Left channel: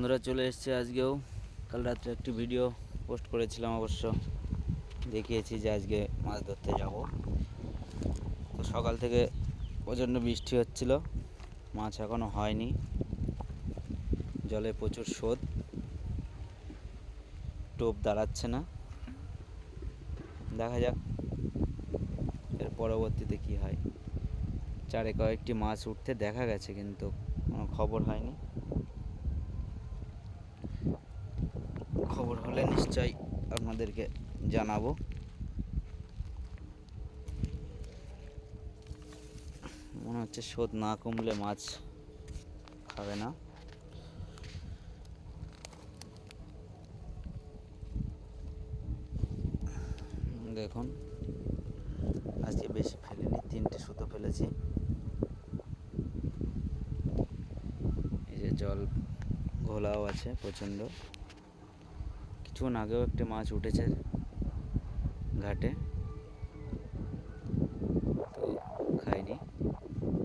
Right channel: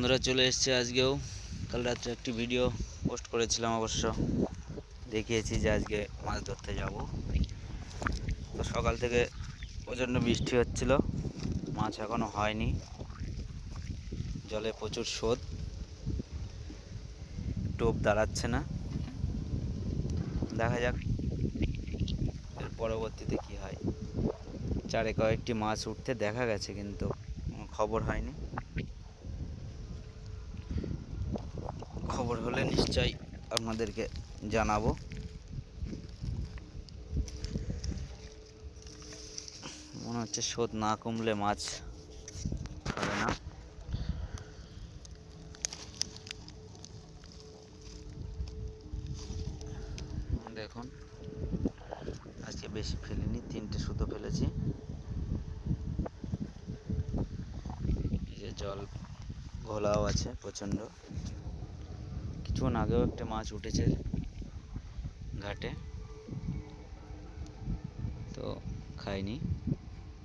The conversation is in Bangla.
বন্ধুরা চলে এসেছে আজকেও। কাল রাত্রে একটি ভিডিও পোস্ট করেছিলাম, অবশ্য দেখিয়েছি যে আজকে মাছ ধরতে যাব। তো সকাল থেকে প্রচণ্ড বৃষ্টি হচ্ছিল, মাছ এখনও হয়নি, জলে প্রচুর স্রোত, টোপ দাঁড়াচ্ছে না। দেখা যাক এর পরবর্তীতে কি হয়। চারে কয়েকটি মাছ উঠতে দেখা গেছে, কিন্তু কোনো খবর হয়নি। খবর হলে নিশ্চয়ই আপনাদেরকে জানাবো। মনে হচ্ছে স্রোত না কমলে মাছ হবে না। দেখুন, আজকে বেশি ফেলিনি, 3টে সুতো ফেলেছি। এই যে জল ঘোলাও আছে প্রচণ্ড। কিছুক্ষণ আগেও একটা মাছ উঠেছে ঘাটে, তো খাইনি।